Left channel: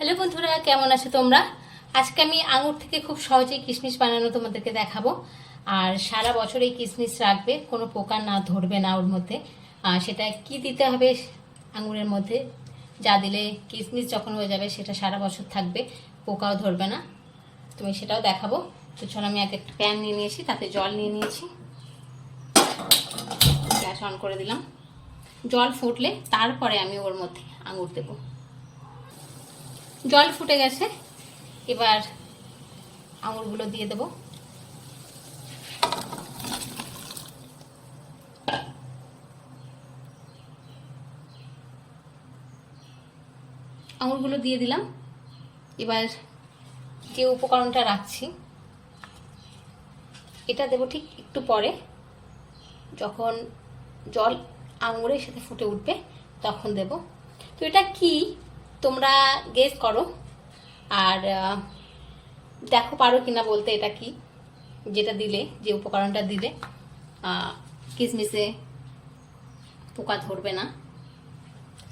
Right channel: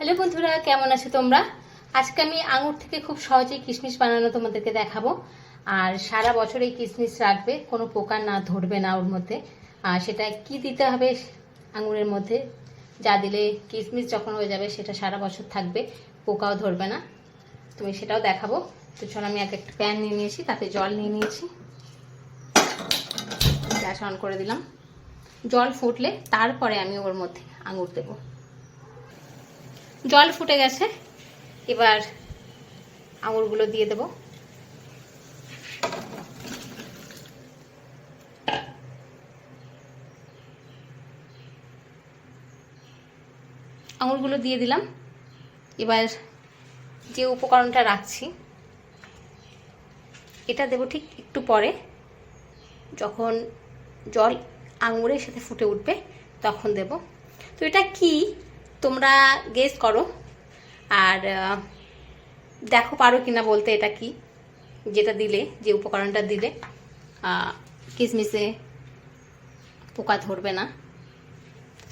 Hello বন্ধুরা, কেমন আছো তোমরা? আজকে আমি আঙুর থেকে খুব সহজেই কিশমিশ বানানো তোমাদেরকে দেখাবো। আর সারা বছর এই কিশমিশ রাখবে, কোনো পোকা না ধরবে না ওর মধ্যে। আর সেটা কি দিতে হবে আঙুরের মধ্যে, যা দিলে কিশমিশ যখন হয়ে যাবে সেটা সারা বছর থাকবে, পোকাও ধরবে না, তুমি সেটাও দেখাবো। তো চলো, আমি একটা প্যান নিয়ে নিয়েছি, তাতে জল নিয়ে নিয়েছি, গ্যাস অন করে দিলাম। জল ফুটলে তারপরে আমি ওর মধ্যে আঙুর দেবো। জল ফুটে গেছে, এবার আঙুরগুলো দিয়ে দেব। আঙুরগুলো দিয়ে দিলাম। এবার যে উপকরণটা রাখছি এটা দেব ঠিক একটু পরে, যখন জল আঙুরের সাথে ফুটে উঠবে তখন দেব। তো এটা কি তোমরা গেস করো, আর দেখো পারো কিনা বলতে এটা কি, যেটা দিলে, যে উপকরণটা দিলে কিশমিশে পোকা ধরবে না।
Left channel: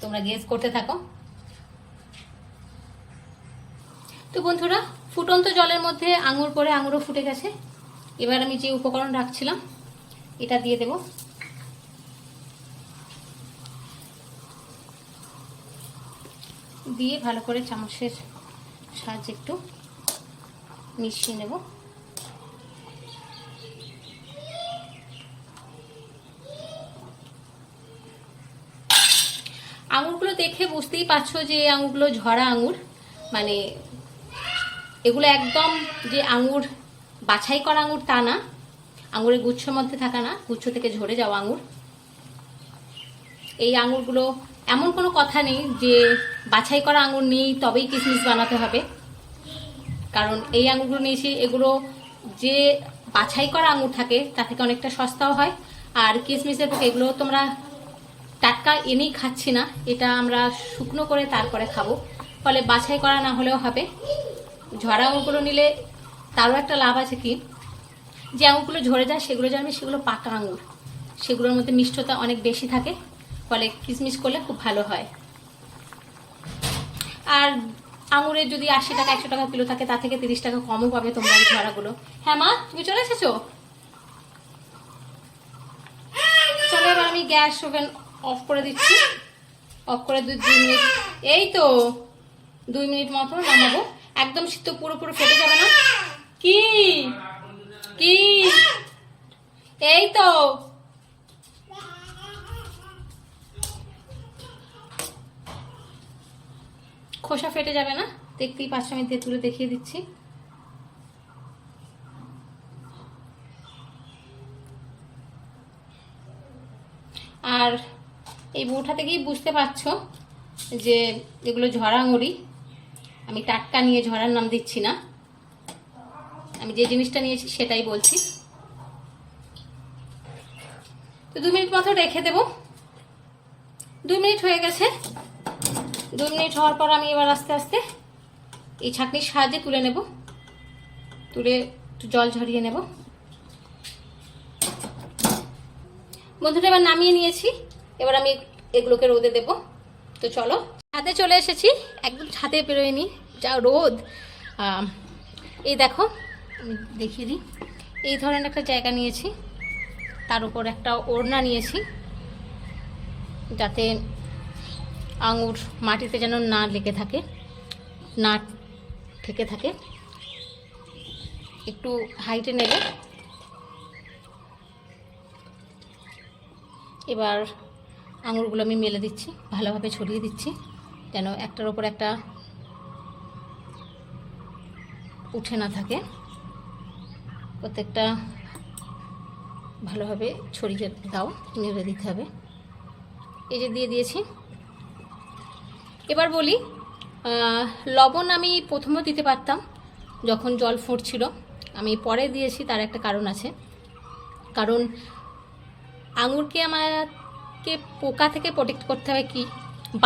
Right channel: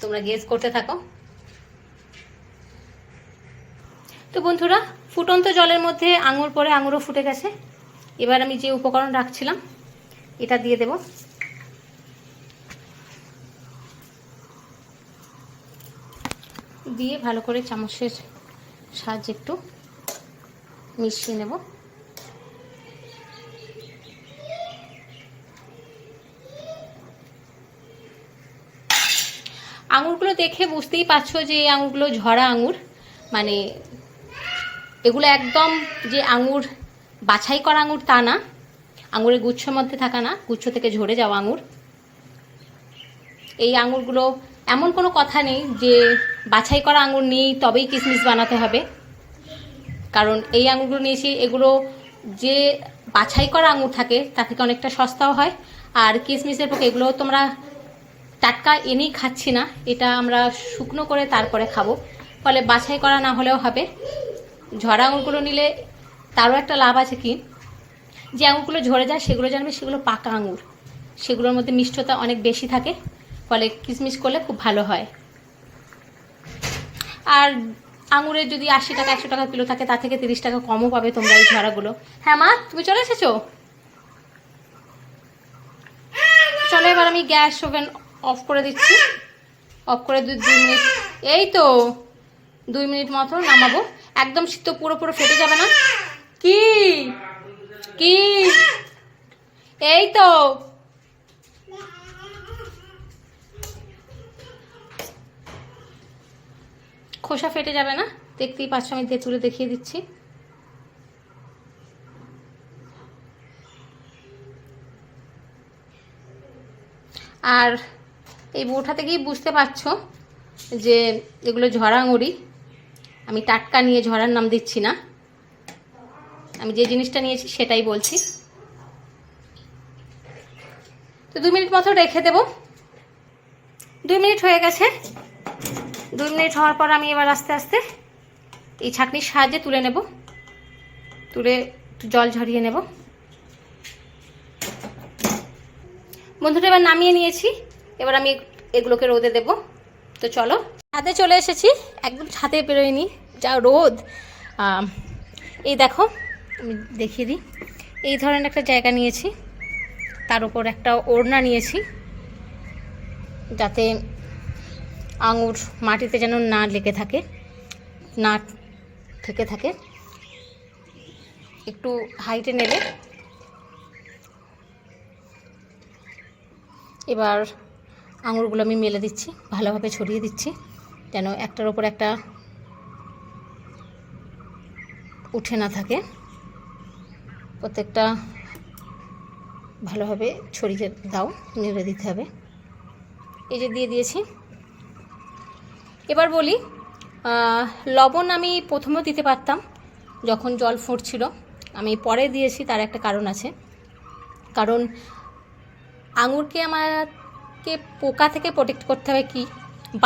তোমরা গেস করতে থাকো। তো বন্ধুরা, ফুটন্ত জলের মধ্যে আঙুর পরে আঙুরও ফুটে গেছে। এবার আমি যে উপকরণ রাখছিলাম এটা দিয়ে দেব। দিয়ে ভালো করে চামচের সাহায্যে একটু মিশিয়ে নেব। আঙুরগুলো দেখে বুঝতেই পারছো যে এই আঙুরগুলো ঝরা আঙুর, মানে এগুলো একদম যে আঙুর বাছাই করা আঙুর তা না, আঙুরের গুচ্ছর মধ্যে থাকা না, গুচ্ছ থেকে ঝরে যাওয়া আঙুর। এই আঙুরগুলো এমন কোনো কথা নেই যে বাছাই করা আঙুর নিয়েই তবেই কিশমিশ বানাতে হবে, কারণ এই আঙুরগুলো নিয়েছি, এগুলো যে বাছাই করা আঙুর থাকে তার থেকে অনেকটা সস্তাও হয়। আর কিশমিশের পক্ষে এগুলো তোমরা টাটকা এনেই খাচ্ছি না, এটা আমরা শুকনো করে তারপরে খাবো, ফলে বাছাই করা না হলেও হবে। ঝরা আঙুরগুলো নিলে তারও একটা লাভ আছে কি, যে আঙুরগুলো ঝরে যায় সেগুলো জানবে সেগুলো পাকা আঙুর, সেগুলোর মধ্যে মিষ্টতা অনেক বেশি থাকে, ফলে কিশমিশ করলে খুব ভালো হয়। আর আঙুরের যদি 80 টাকা 100 টাকা কিলো থাকে, তার থেকে 30 টাকা কমও পাবে তোমরা এই ঝরাগুলো। হ্যাঁ মা, তুমি চলে এসেছো? চলো, এবার আমি গ্যাস ওভেন অফ করে দিচ্ছি। অফ করে 2 মিনিট, এই তো 2 মিনিট মতো নামাবো। একদম তো পুরো ফেটে যাবে না। কি কি এই তো খোসা ফেটে যাবে না, দেখতেই পাচ্ছ, আমি তুলে দেখিয়ে দিচ্ছি। আর এই বউটা থেকেই বুঝতে পারছো যে এগুলো ঝরা আঙুরই, আমি টাটকা নিয়ে ঝরার নাম দিচ্ছি না, আমি যে জিনিসটা নিয়েছি সেটাই বলছি। তো 2 মিনিট মতো রেখে দেব। 2 মিনিট হয়ে গেছে। 2 মিনিট হওয়ার পর আমি এবার আস্তে আস্তে এই ছাঁকনির সাহায্যে তুলে নেব, তুলে জল ঝরিয়ে নেব। বন্ধুরা, এবার নামিয়ে নিয়েছি। এবার আমি এগুলোকে রোদে দেব। তো চলো, ছাদে চলে এসেছি, একদম ছাদে বেরোয়নি, যা রোদ। এই দেখো, আমি দেখিয়ে দিই, এই ধরনের একটা জায়গা নিয়েছি, তার উপর একটা ওড়না নিয়েছি, যাতে আঙুর মাটিতে যেন না লেগে থাকে, না থেকে থাকে। একটু হাইটে নেবে। এবার আঙুরগুলো আমি মেলে দিচ্ছি, ভালোভাবে ছড়িয়ে দিচ্ছি, যেন একটার ওপর একটা উঠে না থাকে। প্রত্যেকটা ভালোভাবে ছড়িয়ে দাও, নেড়ে দিতে হবে। এই যে দিয়ে দিয়েছি। এবার বলি, লবণ আমি প্রথমেও দিতে পারতাম যখন জল ফুটছিল, আমি পরে দিয়েছি, তার একটা কারণ আছে। কারণ আঙুরকে আমাকে পোকা থেকে প্রোটেক্ট করতে হবে কি,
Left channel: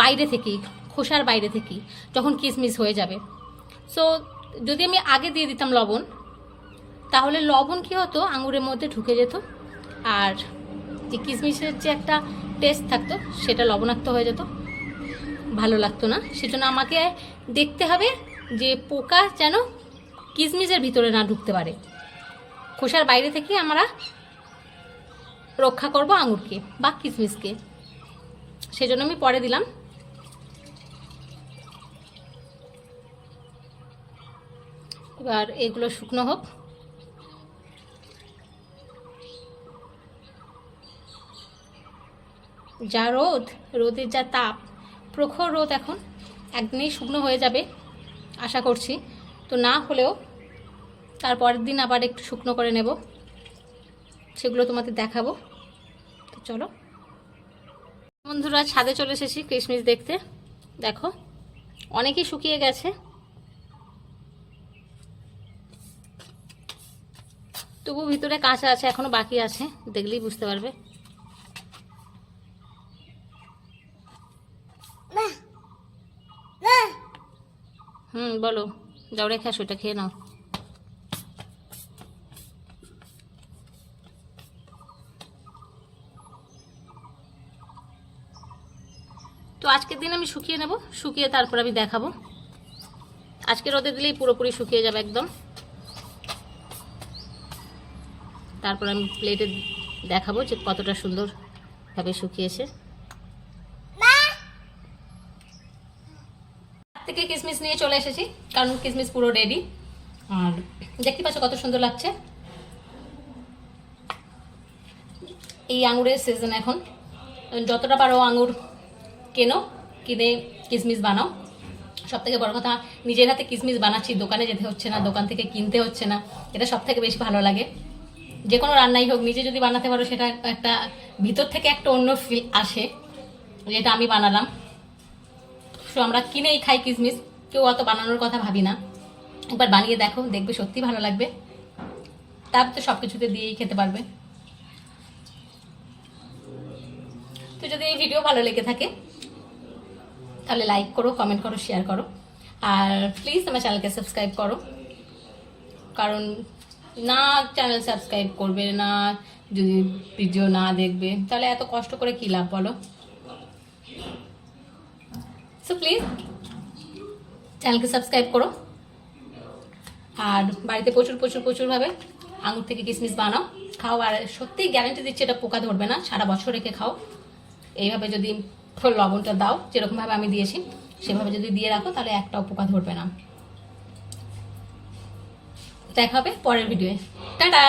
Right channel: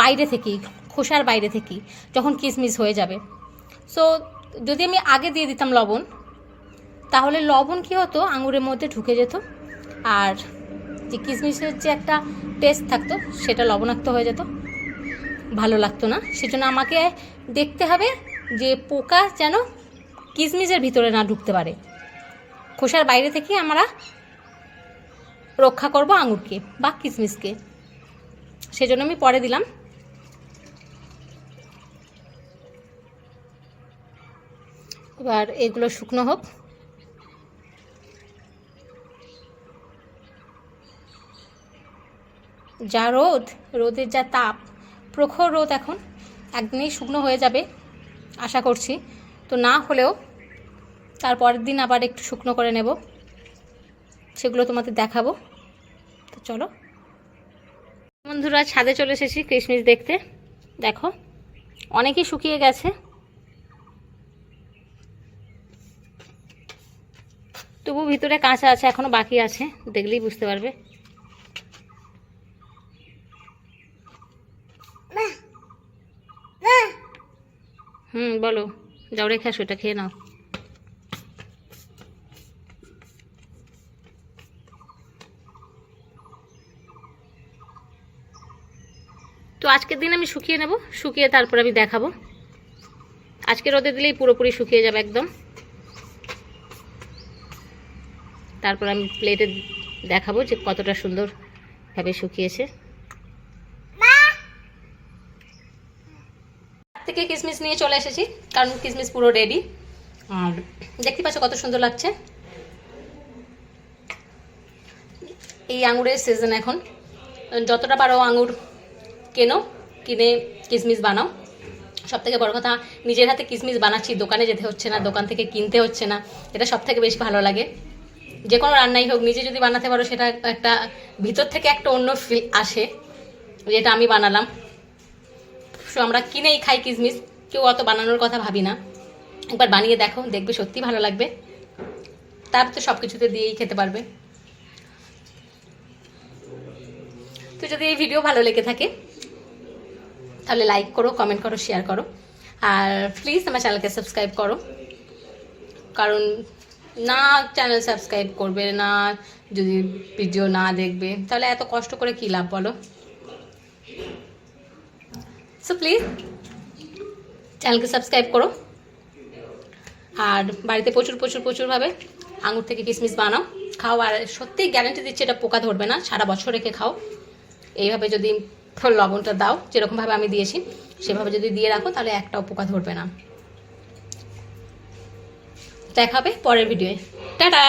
বাইরে থেকেই, খোসার বাইরে থেকেই, যখন কিশমিশ হয়ে যাবে। সো যদি আমি আগে দিয়ে দিতাম লবণ, তাহলে লবণ কী হতো, আঙুরের মধ্যে ঢুকে যেত, আর যে কিশমিশের যে একটা টেস্ট থাকতো সেটা লবণাক্ত হয়ে যেত, ভালো লাগতো না। সেজন্য আমাকে দেখতে হবে যে পোকা যেন কিশমিশের ভিতরে না ঢুকতে পারে। খোসার বাইরে থেকে আমরা রক্ষা করব আঙুরকে বা কিশমিশকে, সেজন্য আমি পরে দিলাম। এবার এগুলো শুকনো হোক। যা রোদের যা তাপ, প্রখর রোদ, এখন একদিনেই শুকনো হয়ে যাবে আশা করছি। তো না হলেও তারপরের দিন আবার একটু শুকনো করে নেব, সেগুলো তোমাদের দেখাবো। তো চলো বন্ধুরা, ছাদে চলে এসেছি কিশমিশ দেখতে। দেখো অনেকই শুকিয়ে গেছে, তবু ভিতরে কাঁচা আছে, এখনো বাকি আছে, দেখলেই বুঝতে পারবে। বলো, যাও রেখে আসো, এটা খেয়ে নাও। তো আজকের দিন আমি শুকিয়ে নেব, শুকিয়ে তারপর আমি দেখাবো। আজকে রোদে দিলেই পুরোপুরি শুকিয়ে যাবে একদম। তারপর আমি প্লেটে দেখাবো যে কতটা সুন্দরভাবে শুকিয়েছে। থেকে কিশমিশ নিয়ে চলে এসেছি, কারণ কিশমিশ পুরো রেডি। আর দেখতে পাচ্ছ কত সুন্দর লাগছে। এই আঙুরের সিজন এখন, যতটা পারো আঙুর কেনো, কিনে কিশমিশ বানাও। সব থেকে বড় কথা, নিজের হাতে কিশমিশ বানাচ্ছি, দোকানে যেতে হচ্ছে না, দোকান থেকে কিনতে হচ্ছে না, এটা সব থেকে বেশি ভালো লাগে। যে কোনো রান্নাই হোক, নিজে যদি বানাতে পারো, সেটা একটা ভিতর থেকে একটা অন্য ফিল আসে, যেটা আমি বানালাম। আমরা কিনেই খাই কিশমিশ, কেউ অত বানানোর কথা ভাবি না। একবার বানিয়ে দেখো, দেখবে সত্যি ভালো লাগবে। তারপর তো সব কিছুতে দিয়েই খেতে পারবে। তো যদি এই ভিডিও ভালো লেগে থাকে তাহলে লাইক করো, কমেন্ট করো, শেয়ার করো, আর প্লিজ আমার চ্যানেলকে সাবস্ক্রাইব করো। কারণ না চ্যানেল সাবস্ক্রাইব করবে না, যদি ভিডিও না দেখবে, তাহলে এত কষ্ট করে কী লাভ বলো। সো প্লিজ চ্যানেলকে সাবস্ক্রাইব করো, আর বাড়িতে প্রচুরভাবে আঙুর থেকে কিশমিশ বানাও, খাও। আর সত্যিই গ্যারান্টি দিচ্ছে এটা পোকা ধরবে না, সারা বছর রেখে খাও। এইভাবে যদি লবণটা দাও, যেরকমভাবে আমি দিয়েছি সেভাবে যদি দিয়ে রাখো, তাহলে একটাও পোকা ধরবে না। দেখা হবে পরের ভিডিওয়ে। টাটা।